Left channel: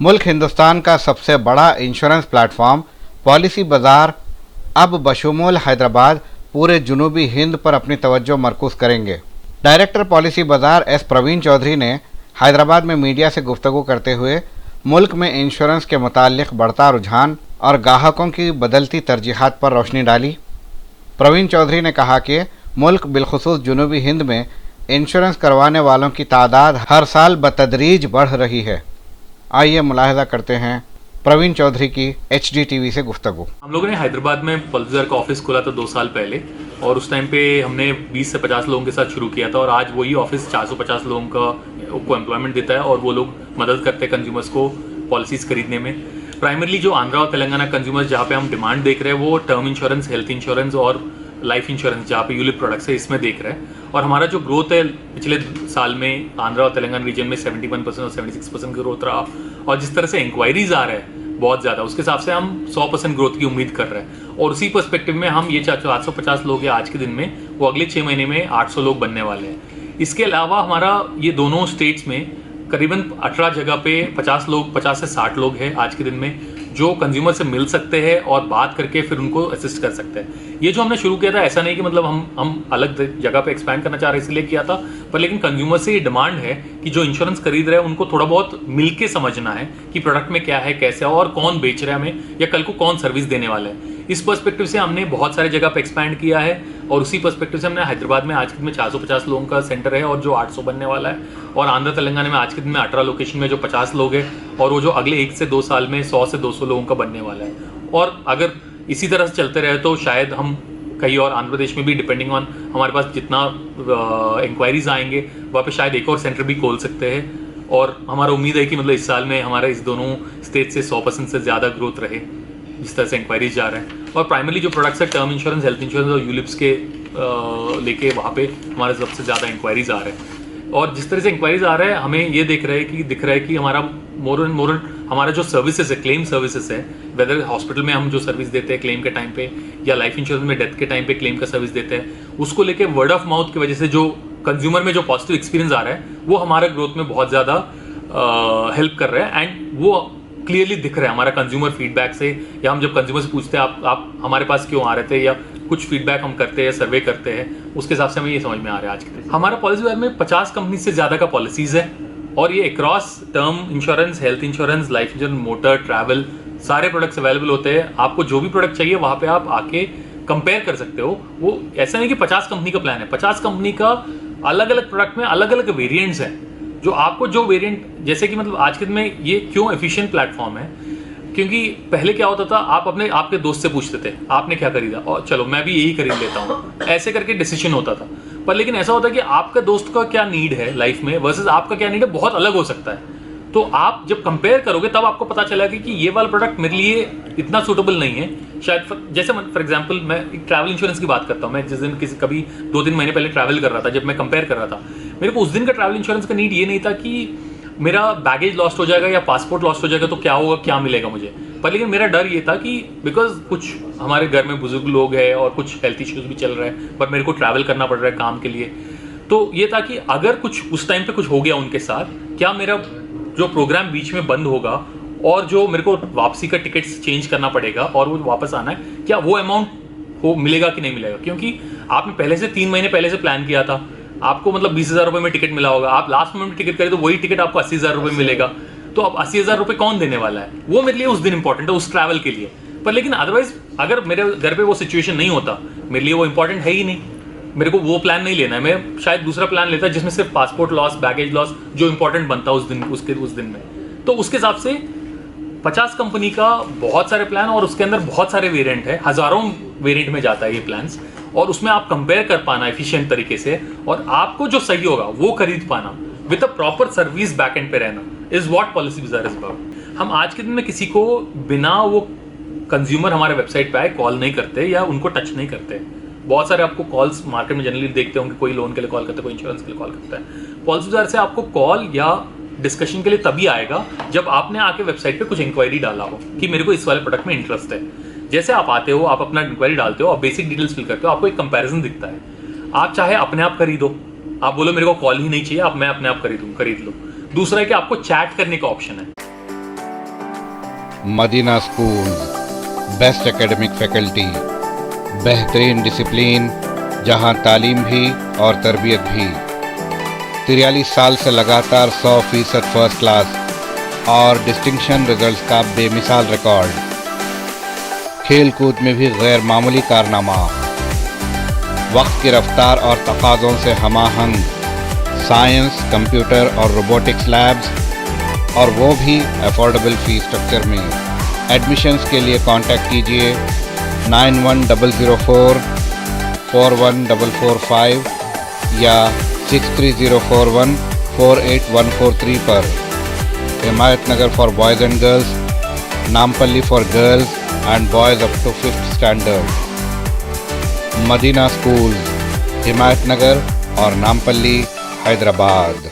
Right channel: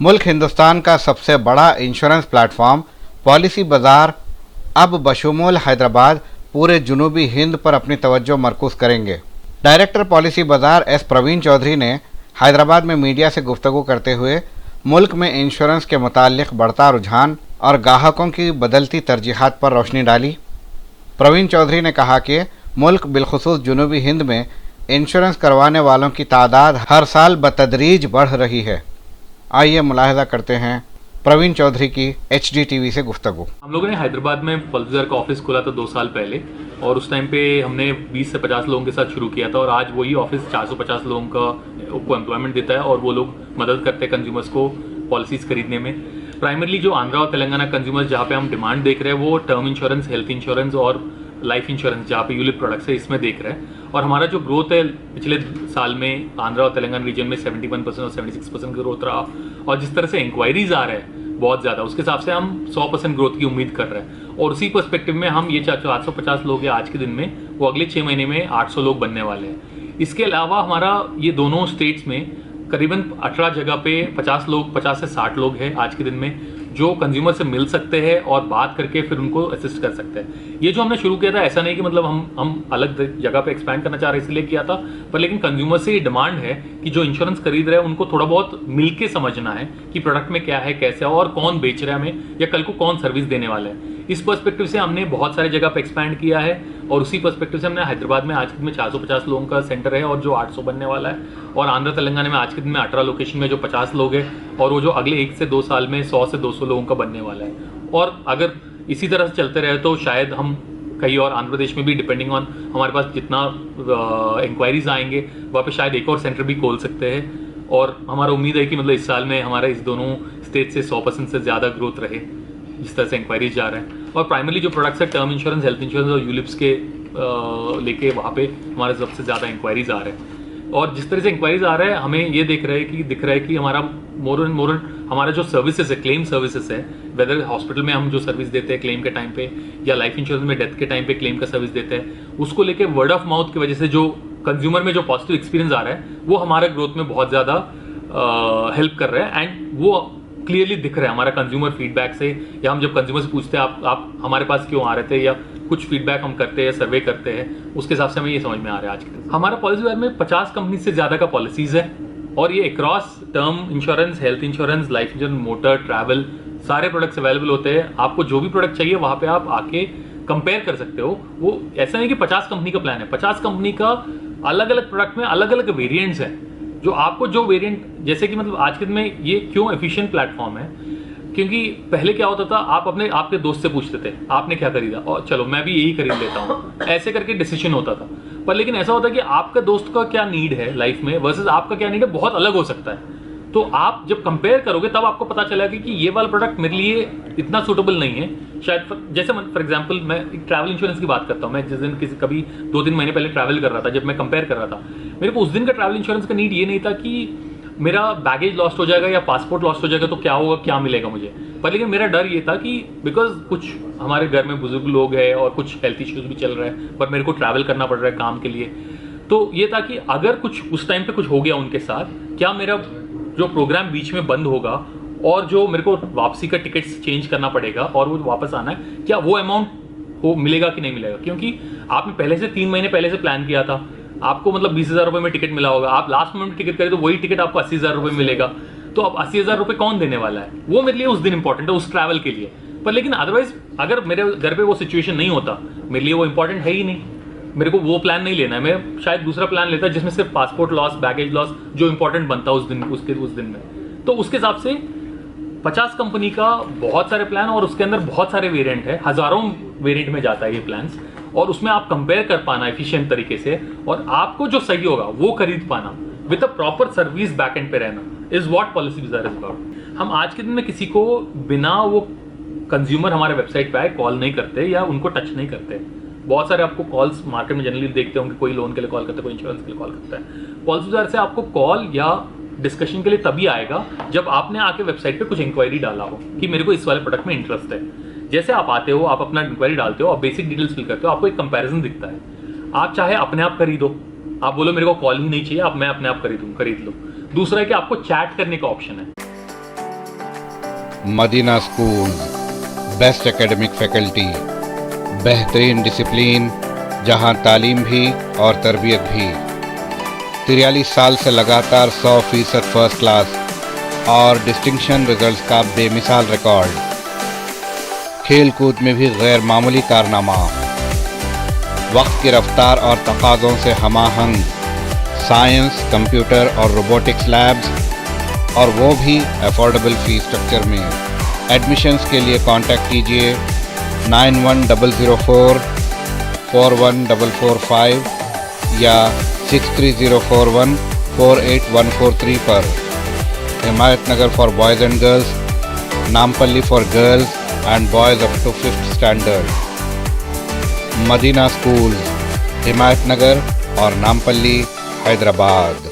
मुल्क हिंदुस्तान का सबसे बड़ा इंश्योरेंस प्लेटफॉर्म पॉलिसी बाजार अब बशमूल हैदराबाद पूरे जुनूबी हिंद पर अपनी तवज्जो मरकूज करेंगे। डायरेक्टर पॉलिसी बाजार एस प्रवीण चौधरी ने हैदराबाद में मीडिया से गुफ्तगू करते हुए मुल्क में इंश्योरेंस के मुताल्लिक बढ़ता रुझान और ग्राहकों की बदलती तरजीहात पर रोशनी डाली। प्रवीण चौधरी ने कहा कि मुल्क बिलखुसूस जुनूबी हिंद में इंश्योरेंस करवाने वालों की तादाद हर साल बतदरीज बढ़ रही है। आइए मुलाहिजा करते हैं प्रवीण चौधरी की HDTV से गुफ्तगू। हम लोगों ने हैदराबाद में पॉलिसी बाजार का ऑफिस खोला था 2 साल पहले, और उस टाइम पे हमने 20 से 50 लोगों के साथ शुरू किया था, और आज वही ऑफिस 450 लोगों को एम्प्लॉयमेंट देता है, और वो लोग मदद करते हैं कंज्यूमर्स को पॉलिसीज खरीदने में। प्राइमरली जो आंध्रा और तेलंगाना कंज्यूमर्स जहाँ पे हम डिमांड देख रहे हैं वो टर्म इंश्योरेंस, हेल्थ इंश्योरेंस और लाइफ इंश्योरेंस जहाँ पे यूलिप प्रोडक्ट्स है इसमें देख रहे हैं। और हमारा जो ग्रोथ है पिछले साल में आंध्रा और तेलंगाना रीजन में 71% और 76% का ग्रोथ रहा, और जिस तरह से इंक्वायरीज आ रहे हैं बहुत ज़्यादा, उसके हिसाब से हम 100% ग्रोथ की उम्मीद कर रहे हैं। और उसी पर्सपेक्टिव में हम ये 450 लोग हैं आज के दिन में, वो अगले 6 महीने में 800 लोग बनने वाले हैं। इसके अलावा हमारा ये दोनों स्टेट्स में करीबन 18 जगह पे 50 से 60 लोग हैं आज के दिन में, जो कंज्यूमर से मिल सकते हैं और बात करके फिर उनको असिस्ट कर सकते हैं। ये जो हमने शुरू किया था, ऐसा नहीं कि मतलब हम अलग जगह पे एक्सपैंड करना चाह रहे इसलिए किया था, पर लेकिन कंज्यूमर से ये डिमांड है कि जो इंश्योरेंस खरीद रहे हैं उनको थोड़ा बहुत मिलके समझना है कि प्रोडक्ट में क्या है, कैसे है और कौन बेच रहा है हमें, या कल को कौन सर्विस देने वाला है। इस पर्सपेक्टिव से हमने बहुत सारे जगह पे एक्सपैंड किया है, और उसी पर्सपेक्टिव से हमने हैदराबाद में आज के दिन में 450 लोगों का सेंटर है और जो 800 बनने वाला है, और आंध्र तेलंगाना में आज के दिन में 18 लोकेशन में जो 50 लोग हैं, और वो जो अगले 1 से 2 साल में 100 से 200 लोगों का बनने वाला है। और अगर इसी तरह से चलते रहे तो शायद हम कहीं और आंध्र प्रदेश में भी, डिपेंडिंग ऑन हमारे पास जितना इंक्वायरीज आएंगे, वहाँ पे शायद एक और सेंटर भी खोल सकते हैं। और हमारा उम्मीद है कि मतलब इस साल में हमारा इस दोनों स्टेट से 100% से ज़्यादा ग्रोथ रहे जिस तरह से इंक्वायरीज जा रहे हैं। और प्राइमरली जो प्रोडक्ट्स है टर्म इंश्योरेंस, हेल्थ इंश्योरेंस और यूलिप्स के लेके वहाँ पे हमारे सबसे ज़्यादा इंक्वायरीज आ रहे हैं। और जिस तरह से इंक्वायरीज आ रहा है, हमें ये दिख रहा है कि हमारा मोर एंड हमारा जो सर्विसेज है, क्लेम सर्विसेज है, वेदर हॉस्पिटल में हम जो सर्विस देते हैं क्लेम के टाइम पे, या लाइफ इंश्योरेंस में डेथ के टाइम पे क्लेम का सर्विस देते हैं, उसको लेके वर्ड ऑफ माउथ की वजह से जो कंज्यूमर में जो पॉजिटिव एक्सपीरियंस आ रहा है वो हमारे ग्रोथ में बहुत ज़्यादा हेल्प कर रहा है। एंड वो क्लियरली दिख रहा है हमारा कंज्यूमर फीडबैक से, या हम जब कंज्यूमर से पूछते हैं आप हमारे पास क्यों आ रहे थे, या कुछ फीडबैक हम करते हैं, सर्वे करते हैं, उसके हिसाब से हमें ये समझ में आ रहा है। आज के हमारा पॉलिसी बाजार में 50 कंपनी से ज़्यादा का पॉलिसीज़ है, और ये across term insurance, health insurance, life insurance, motor, travel, सारे प्रोडक्ट्स अवेलेबल होते हैं। आपको जो भी प्रोडक्ट चाहिए वहाँ पे आप आके कंपेयर कर सकते हो। वो ऐसा नहीं कि 50 कंपनी का प्लान है, 50 कंपनी का अलग अलग प्रोडक्ट में अलग अलग वेरिएंट्स हैं, जो आपको जो वेरिएंट, जैसे कि मतलब आज के दिन में ये क्यों एफिशिएंट प्लेटफॉर्म है, क्योंकि पहले क्या होता था, आप आपके दोस्त से पूछते थे आपने क्या खरीदा, और चलो मैं भी यही खरीद लेता हूँ, ऐसे करके डिसीजन होता था। पर लेकिन ऐसा होता है कि आपका दोस्त का क्या नीड है लाइफ में वर्सेस आपका क्या नीड है, बहुत अलग हो सकता है। तो आप जब कंपेयर करोगे तब आपको पता चलेगा कि ये वाला प्रोडक्ट मेरे लिए इतना सूटेबल नहीं है शायद। जैसे फॉर एग्जांपल मैं एक ट्रैवल इंश्योरेंस की बात करता हूँ। मैं जिस दिन कभी 2-3 महीने पहले ट्रैवल कर रहा था, जब मैं कंपेयर कर रहा था, मेरे को उस दिन का ट्रैवल इंश्योरेंस का नीड ये नहीं था कि मेरा बैगेज लॉस्ट हो जाएगा या पासपोर्ट लॉस्ट हो जाएगा तो क्या होगा, क्या मिलेगा मुझे। पर लेकिन मेरा डर ये था कि बिकॉज कुछ हमारे घर में बुजुर्ग लोग हैं और कुछ हेल्थ इश्यूज भी चल रहे हैं, पर मेरे को ट्रैवल करना पड़ रहा है काम के लिए, तो ये था कि अगर कुछ उस टाइम पे कुछ हो गया उनके साथ, क्या मेरा जो प्रोग्राम बीच में बंद होगा और जो मेरे को वापसी का टिकट्स चेंज करना पड़ेगा और वो वापस आना है, क्या वो अमाउंट हो मिलेगा कि नहीं मिलेगा। क्योंकि आपने पहले से 3 महीने पहले से प्लान किया था, आपको मतलब 20,000 रुपये में टिकट मिला होगा, आप लास्ट मोमेंट टिकट करें तो वही टिकट आपको 80,000 रुपये मिलेगा, तो अब 80,000 रुपये कौन देने वाला है। वो मेरे लिए उस दिन इंपॉर्टेंट है, उस ट्रैवल के लिए। पर लेकिन अदरवाइज अगर मेरे घर पे वो सिचुएशन नहीं होता, मेरे लिए वो इंपॉर्टेंट है ही नहीं, मेरे को वो प्लान नहीं लेना है, मैं शायद दूसरा प्लान लेता जिसमें सिर्फ पासपोर्ट लॉस, बैगेज लॉस जो इंपॉर्टेंट बनता उस दिन में। तो उसके हिसाब से 50 कंपनी का बहुत सारे प्लान, और उसके अंदर बहुत सारे वेरिएंट है, हजारों वेरिएंट में जाता है ये प्लान्स, और उसमें आप कंपेयर कर पाना एफिशिएंट तरीके से, और आपको जो सही होगा वो खरीद पाना with a proper service back and पे रहना, इज व्हाट पॉलिसी बाजार इज अबाउट। हम आज के दिन में किसी को बिना वो कंज्यूमर हमारे वेबसाइट पे आए कॉल नहीं करते या उनको टच नहीं करते। बहुत सारे आपको कॉल्स मार्केट में जनरली देखते होंगे, कोई लोन के लिए कॉल करता है, कोई इंश्योरेंस के लिए कॉल करता है। पॉलिसी बाजार से आपको कॉल या डिस्कशन के लिए तभी आएगा जब आपने आके वेबसाइट पे कुछ इंक्वायरी डाला हो कि मेरे को इस वाले प्रोडक्ट में इंटरेस्ट है। जैसे आप आते हो, आप अपना इंक्वायरी डालते हो, आप बेसिक डिटेल्स फिल करते हो, आपको एक कंपैरिजन दिखता है। आप चाहे अपने आप खरीदो, आप बोलो मेरे को कॉल ही नहीं चाहिए, आप मैं अपने आप खरीद लो। दूसरा है कि आपको चैट करने का ऑप्शन है। Madina schools, best academic faculty, बेहतरीन डिसिप्लिन, जहां तालीम भी और तरबियत भी। 43 साल से लगातार 100% फर्स्ट क्लास और डिस्टिंक्शन रिजल्ट्स का बेमिसाल रिकॉर्ड। खेल कूद में भी गैर मामूली कारनामा। वक्त की रफ्तार और तकाज़ों से हमाहंग साइंस, कंप्यूटर और रोबोटिक्स लैब्स, और वो भी अफोर्डेबल फीस स्ट्रक्चर में। एडमिशन्स के लिए कांटेक्ट कीजिए 9100441445 या 6304148143 पर। Himayat Nagar for boys and girls, Nampally for girls and boys up to 5th standard. Madina schools, Himayat Nagar और नामपल्ली, हैदराबाद।